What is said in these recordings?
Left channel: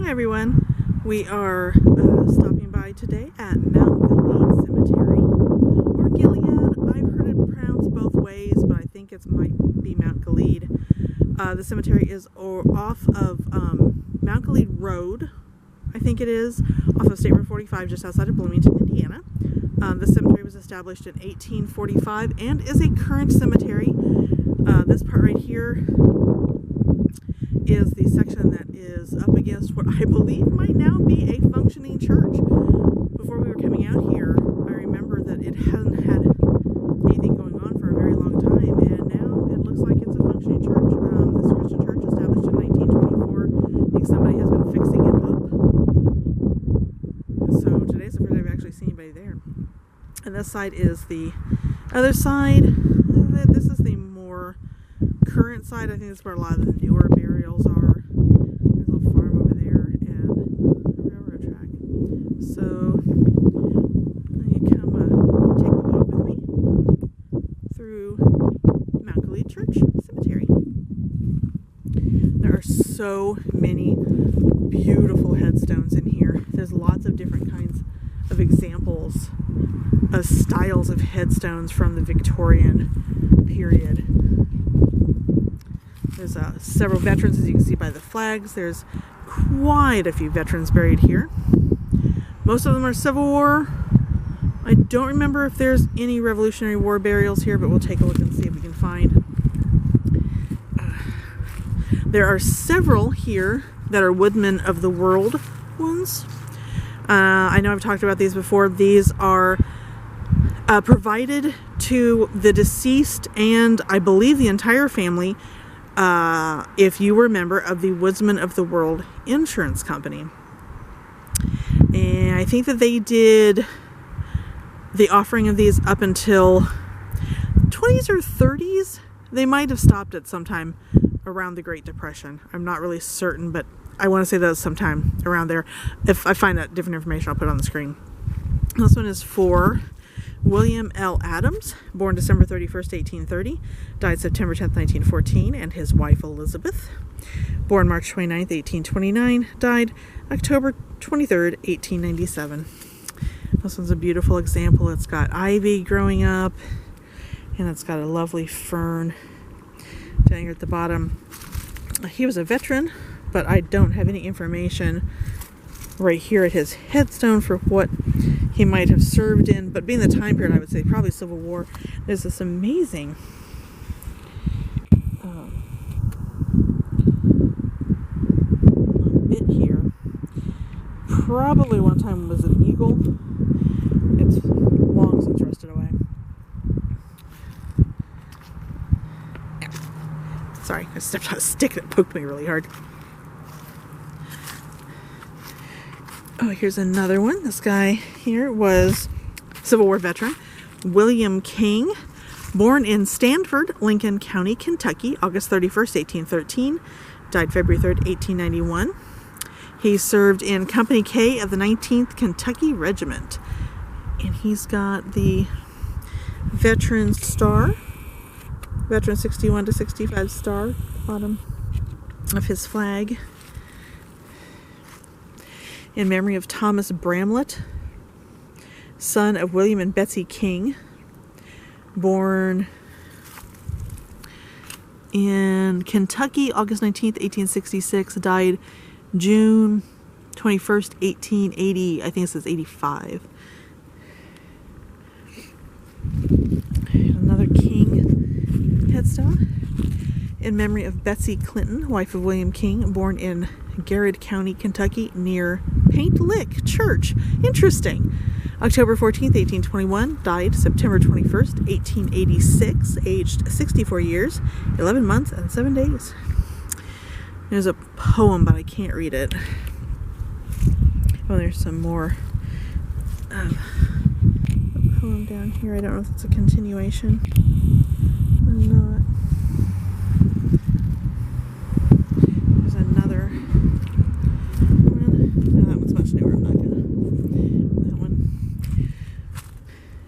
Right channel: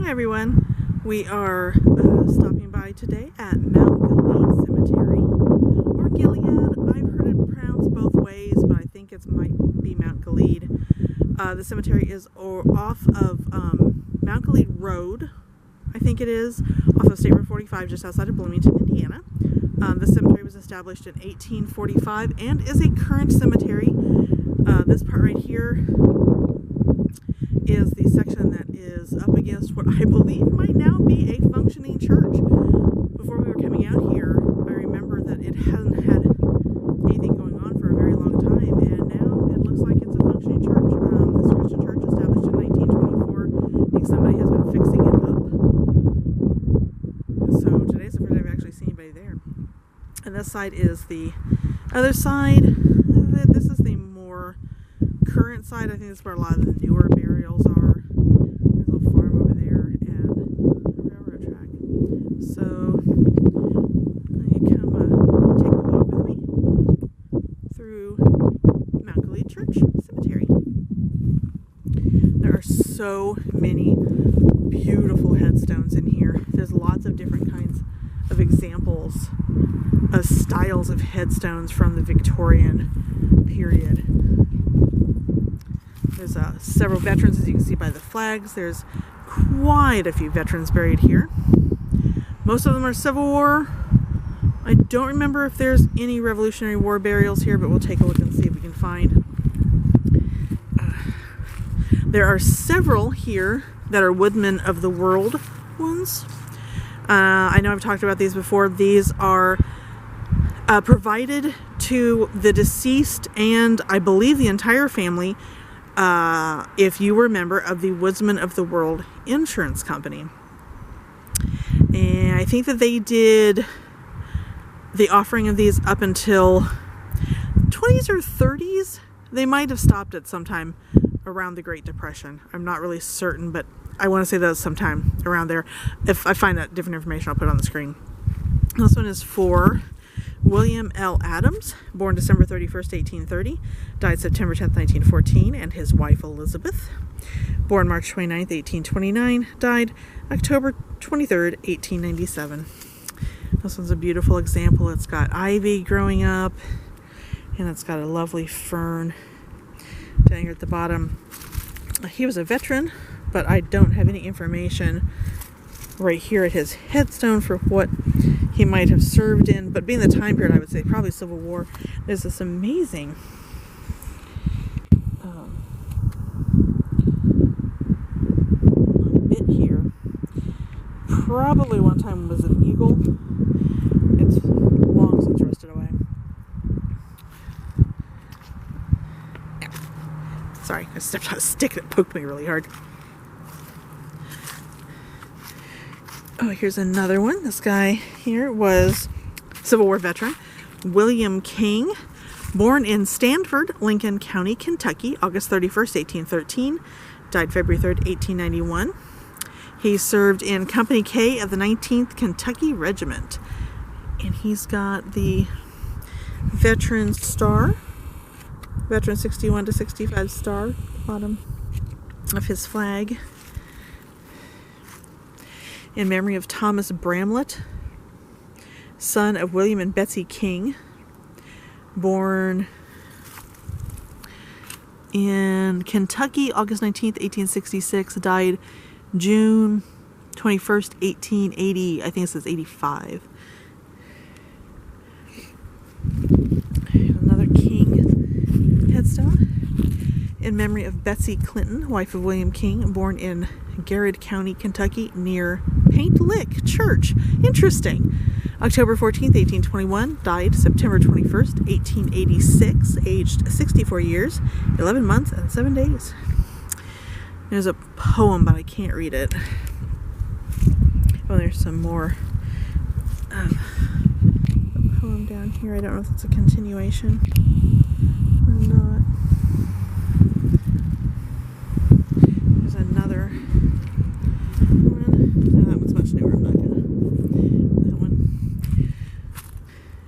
Hi everyone, we are stopping by today at Mount Gilead Cemetery, or Gilead. I've heard it pronounced both ways, but I think it might be Mount Gilead. The cemetery is off of Mount Gilead Road, I think it is, off of State Road 45 just outside of Bloomington, Indiana. The cemetery was established in 1845 and is a current cemetery. This part right here is the section that is up against what I believe might now be a functioning church. Before we were coming out here, I remember that it hadn't had anything going on for a very long time, and now it looks like it's a functioning church. This Christian church established in 1924. I think somebody has been fixing it up. So today's the first time I've actually seen anybody there. And this side is the other side of it. This is the more current side. I think that's where a lot of the newer burials are. There's a little farm over there and a railroad track. So you come take a walk with me through Mount Gilead Church Cemetery. There are so many beautiful headstones in here. There's lots of different kinds of examples of styles of headstones from the Victorian period. There's several veterans, as you can see by the flags. There's quite a few veterans buried here. Most of them are Civil War. I don't remember if there's any Revolutionary War burials here, but we'll take a look and see if we can find. There are several here that are Woodmen of the World ones. I know I've talked about these before. These are provided to the deceased and I believe the entire family if you were a member of the Woodmen of the World Insurance Company. And I think that they did the offering of these up until 20s or 30s. They might have stopped at some time around the Great Depression. I'm not really certain, but I want to say that was sometime around there. If I find that different information, I'll put it on the screen. This one is for William L. Adams, born December 31st, 1830, died September 10th, 1914, and his wife Elizabeth, born March 29th, 1829, died October 23rd, 1897. This one's a beautiful example. It's got ivy growing up, and it's got a lovely fern down here at the bottom. He was a veteran, but I don't have any information right here at his headstone for what he might have served in, but being the time period, I would say probably Civil War. There's this amazing bit here. Probably one time was an eagle. It's long since rusted away. Sorry, I stepped on a stick that poked me really hard. Oh, here's another one. This guy here was Civil War veteran William King, born in Stanford, Lincoln County, Kentucky, August 31st, 1813, died February 3rd, 1891. He served in Company K of the 19th Kentucky Regiment, and he's got the Veteran Star, Veteran 61 to 65 star, bottom of his flag. In memory of Thomas Bramlett, son of William and Betsy King, born in Kentucky, August 19th, 1866, died June 21st, 1880. I think it says 85. Another King headstone. In memory of Betsy Clinton, wife of William King, born in Gilead County, Kentucky, near Paint Lick Church. Interesting. October 14th, 1821, died September 21st, 1886, aged 64 years, 11 months, and 7 days. There's a poem, but I can't read it. Oh, there's some more. A poem down here. I don't know if it's a continuation or not. There's another one. No, that one's much newer. I'm not gonna. That one.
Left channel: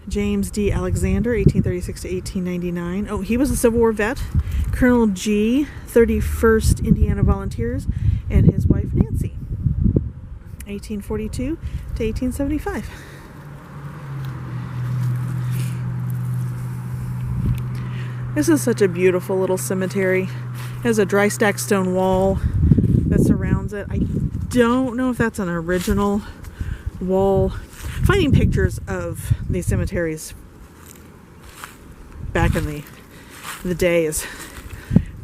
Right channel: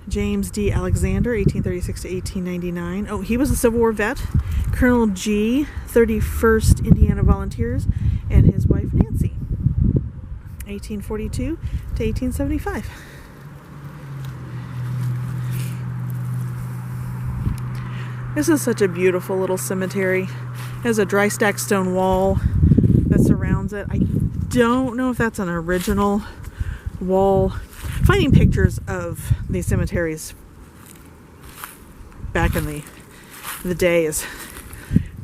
James D. Alexander, 1836 to 1899. Oh, he was a Civil War vet. Colonel G., 31st Indiana Volunteers, and his wife Nancy. 1842 to 1875. This is such a beautiful little cemetery. It has a dry stack stone wall that surrounds it. I don't know if that's an original wall. Finding pictures of these cemeteries back in the day is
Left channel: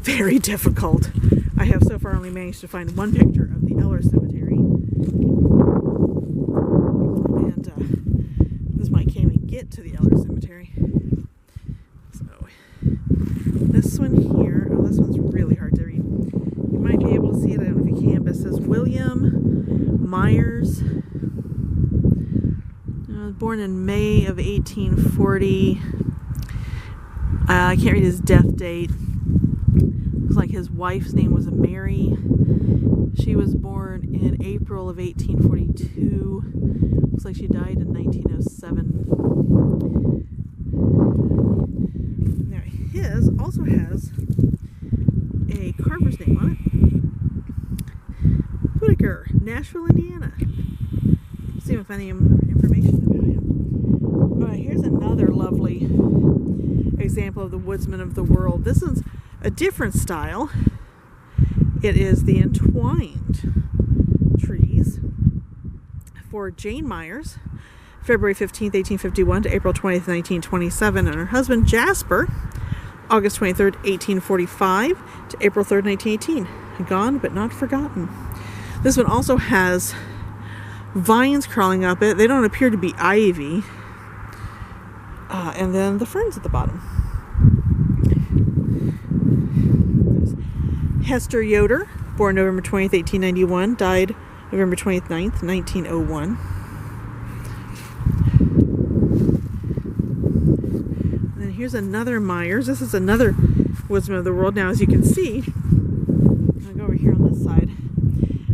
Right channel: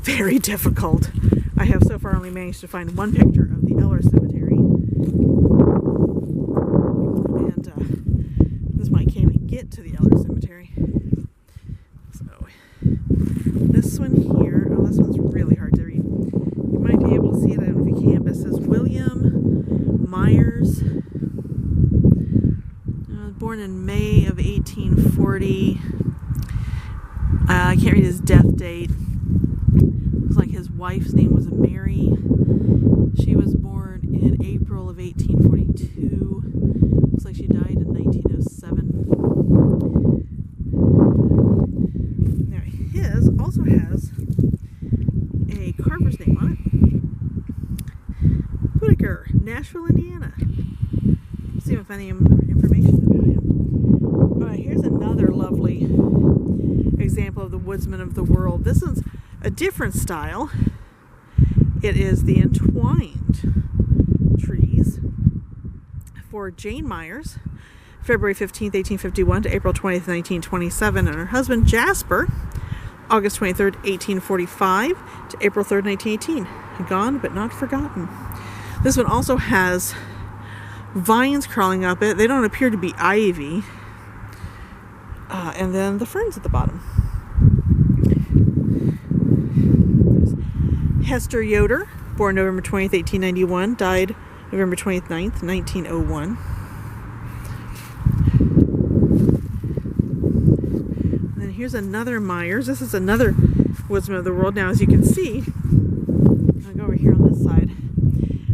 very difficult. I have so far only managed to find one picture of the Eller Cemetery. And this might can't even get to the Eller Cemetery. So this one here, oh, this one's really hard to read. You might be able to see it, I don't know if you can, but it says William Myers. Born in May of 1840. I can't read his death date. Looks like his wife's name was Mary. She was born in April of 1842. Looks like she died in 1907. Now his also has a carver's name on it. Whitaker, Nashville, Indiana. Let's see if I find any information about him. Alright, here's another lovely example of the woodsman of the world. This is a different style. It is the entwined trees for Jane Myers, February 15th, 1851 to April 20th, 1927, and her husband Jasper, August 23rd, 1845 to April 3rd, 1918. Gone but not forgotten. This one also has vines crawling up it. They don't appear to be ivy. And then the ferns at the bottom. There's Hester Yoder, born November 20th, 1891, died November 29th, 1901. And then here's another Myers. This is another woodsman of the world. Now, as you can see, I'll go over here on this side,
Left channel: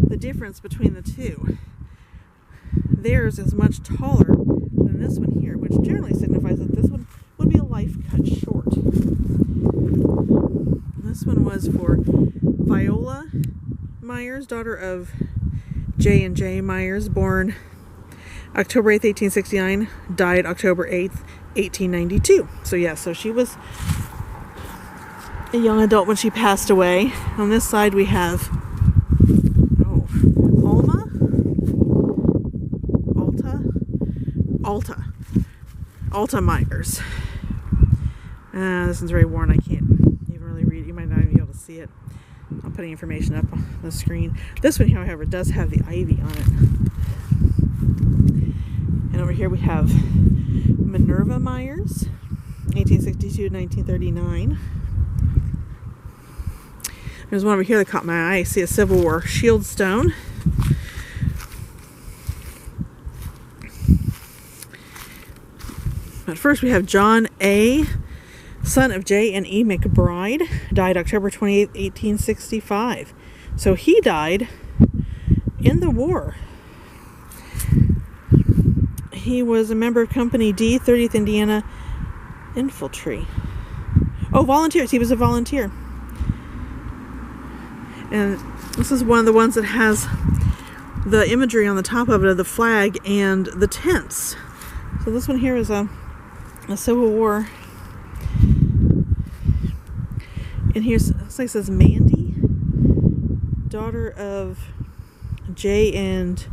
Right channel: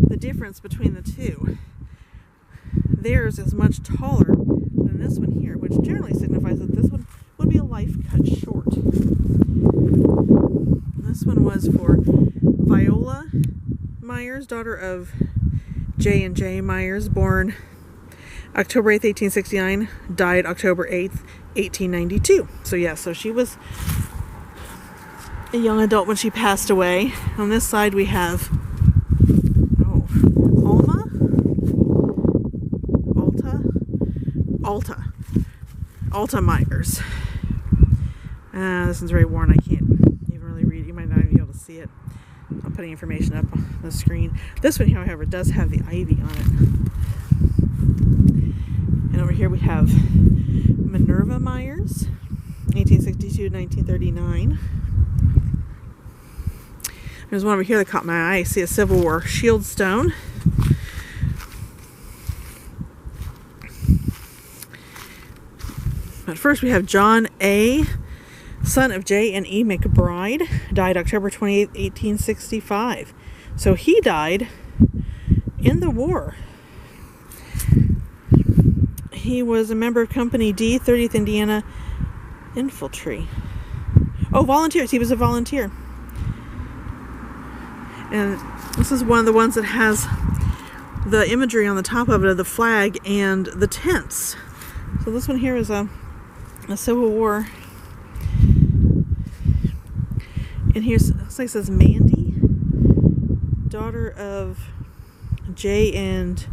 the difference between the two. Theirs is much taller than this one here, which generally signifies that this one would be a life cut short. And this one was for Viola Myers, daughter of J. and J. Myers, born October 8th, 1869, died October 8th, 1892. So yeah, so she was a young adult when she passed away. On this side we have Alta Myers. This one's very worn. I can't even really read it. You might not even be able to see it. I'm putting information up on the screen. This one, however, does have the ivy on it. And over here we have Minerva Myers, 1862 to 1939. There's one over here that caught my eye. I see a Civil War shield stone. But first we have John A., son of J. and E. McBride, died October 28, 1865. So he died in the war. He was a member of Company D, 30th Indiana Infantry. Oh, volunteers. He was a volunteer. And this is one of the ones that has the imagery on the top of it of the flag and the tents. So this one here is a Civil War. And here's, looks like it says Mandy, daughter of J. and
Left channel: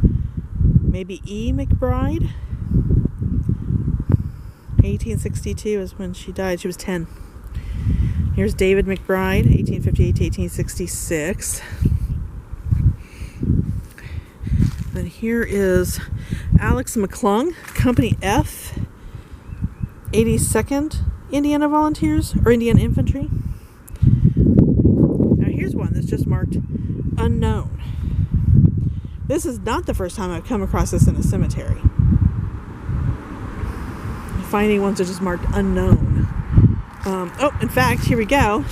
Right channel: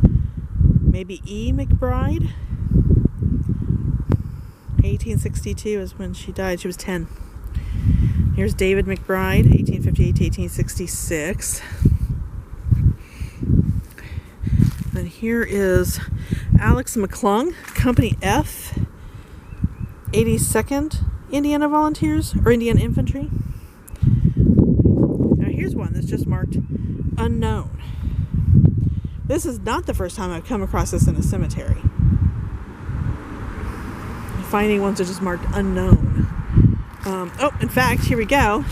maybe E. McBride. 1862 is when she died. She was 10. Here's David McBride, 1858 to 1866. And here is Alex McClung, Company F, 82nd Indiana Volunteers, or Indian Infantry. Now here's one that's just marked unknown. This is not the first time I've come across this in a cemetery. Finding ones that are just marked unknown. Oh, in fact, here we go.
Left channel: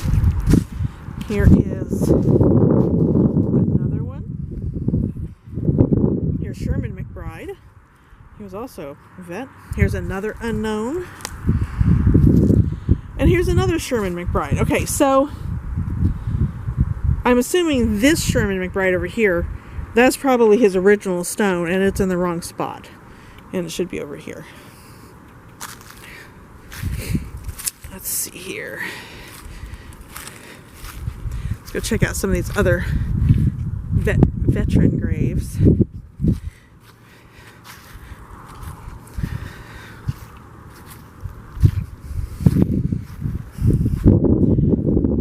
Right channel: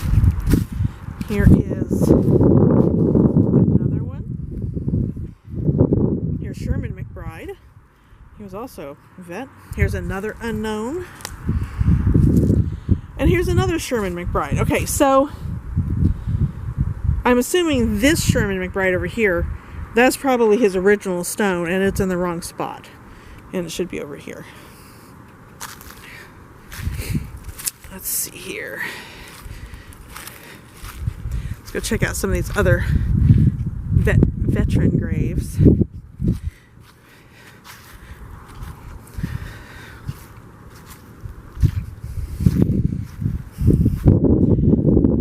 Here is another one. Here's Sherman McBride. He was also a vet. Here's another unknown. And here's another Sherman McBride. Okay, so I'm assuming this Sherman McBride over here That's probably his original stone, and it's in the wrong spot. And it should be over here. Let's see here. Let's go check out some of these other veteran graves.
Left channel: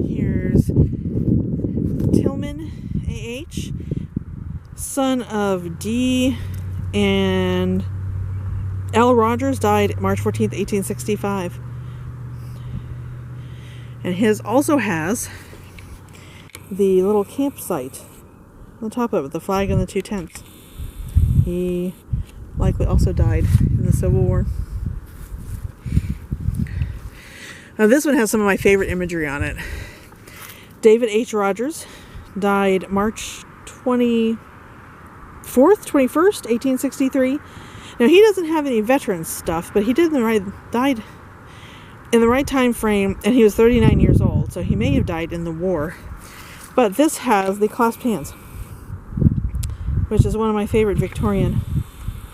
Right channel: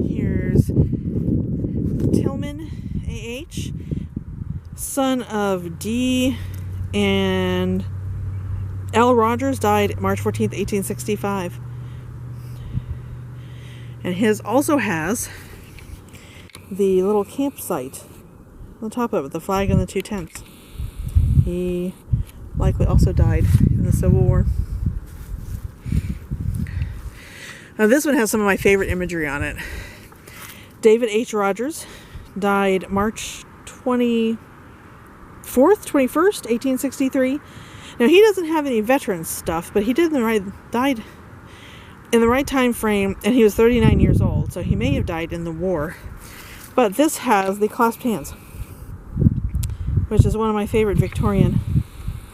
Here's Tillman A.H., son of D. and L. Rogers, died March 14th, 1865. And his also has the little campsite on the top of it, the flag and the 2 tents. He likely also died in the Civil War. Now this one has some of my favorite imagery on it. David H. Rogers died March 21st, 1863. Now he doesn't have any veteran stuff, but he died in the right time frame, and he was 39 years old, so he may have died in the war. But this has the clasped hands, which is one of my favorite Victorian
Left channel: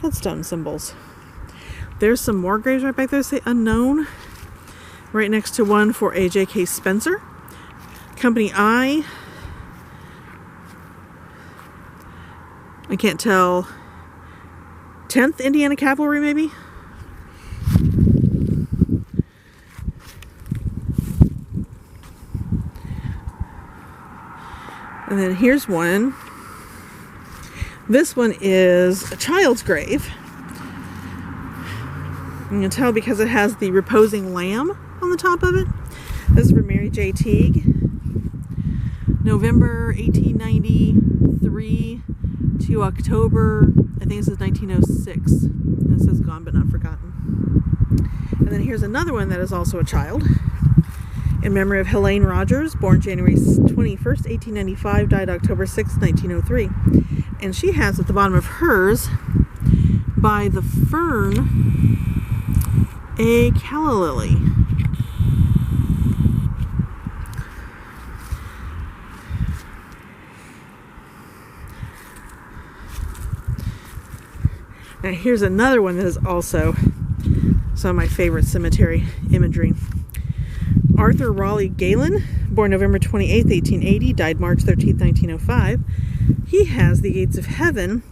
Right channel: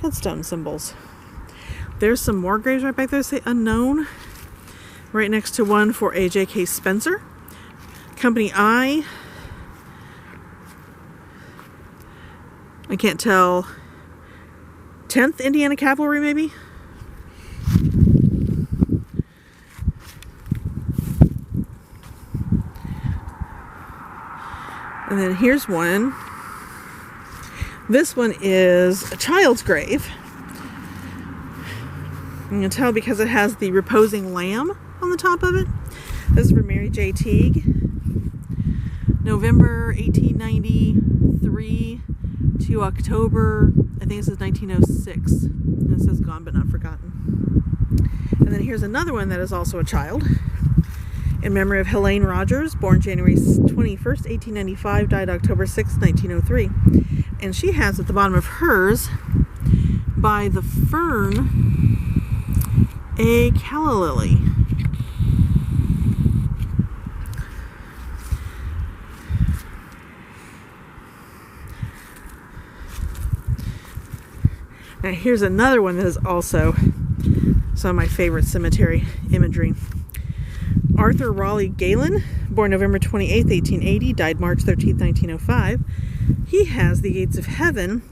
headstone symbols. There's some more graves right back there that say unknown, right next to one for a J.K. Spencer. Company I can't tell, 10th Indiana Cavalry maybe? And then here's one. This one is a child's grave. You can tell because it has the reposing lamb on the top of it. This is for Mary J. Teague. November 1893 to October, I think this is 1906. And it says gone but not forgotten. And then here's another one that is also a child. In memory of Helene Rogers, born January 21st, 1895, died October 6th, 1903. And she has at the bottom of hers, by the fern, a calla lily. Now here's another one that is also some of my favorite cemetery imagery. Arthur Raleigh Galen, born November 28th, 1880, died March 13th, 1905. He has the gates of heaven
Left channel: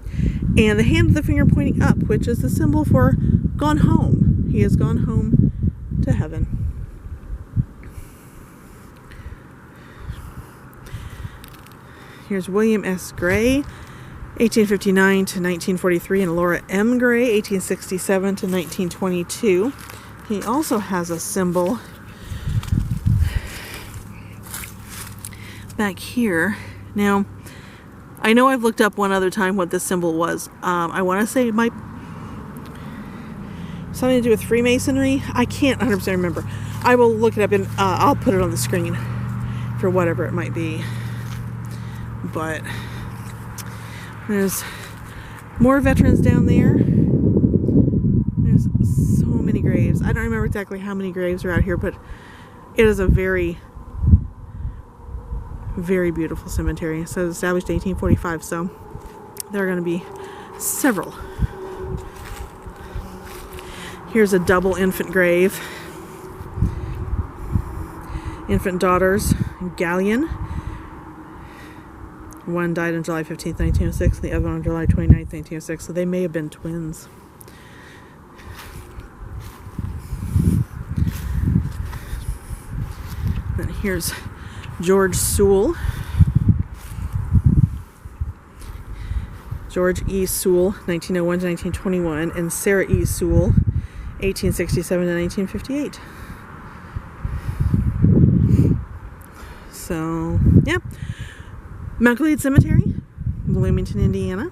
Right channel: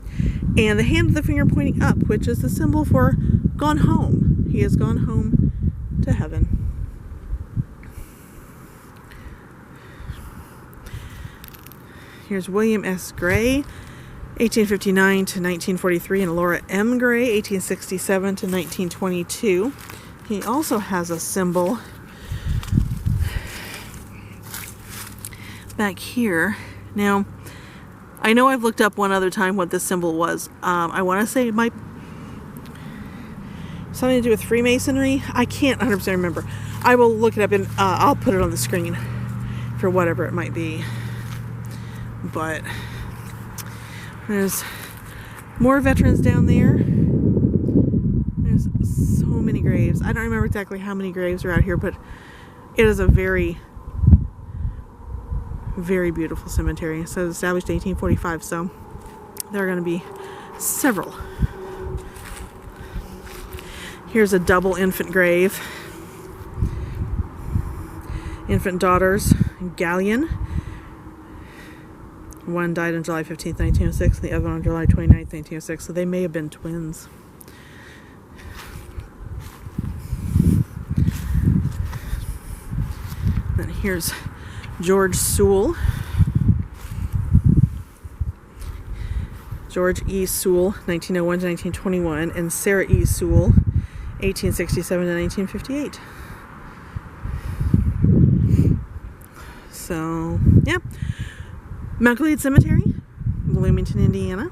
and the hand of the finger pointing up, which is the symbol for gone home. He has gone home to heaven. Here's William S. Gray, 1859 to 1943, and Laura M. Gray, 1867 to 1922. He also has a symbol back here. Now, I know I've looked up one other time what this symbol was. I want to say it might something to do with Freemasonry. I can't 100% remember. I will look it up and I'll put it on the screen for whatever it might be. But there's more veterans down there. There's so many graves. I don't remember exactly how many graves are out here, but it is a very, very beautiful cemetery. So it was established in 1845, so there are going to be several. Here's a double infant grave. Infant daughters, Galleon. One died on July 15th, 1906, and the other on July 29th, 1906, so they may have been twins. Then here's George Sewell. George E. Sewell, 1901 to 1921, and Sarah E. Sewell, 1867 to 1958. So, yeah. Mount Gilead Cemetery, Bloomington, Indiana.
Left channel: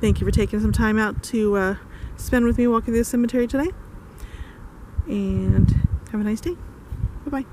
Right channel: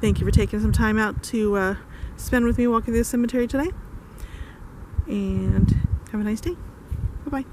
Thank you for taking some time out to spend with me walking through the cemetery today. And have a nice day. Bye-bye.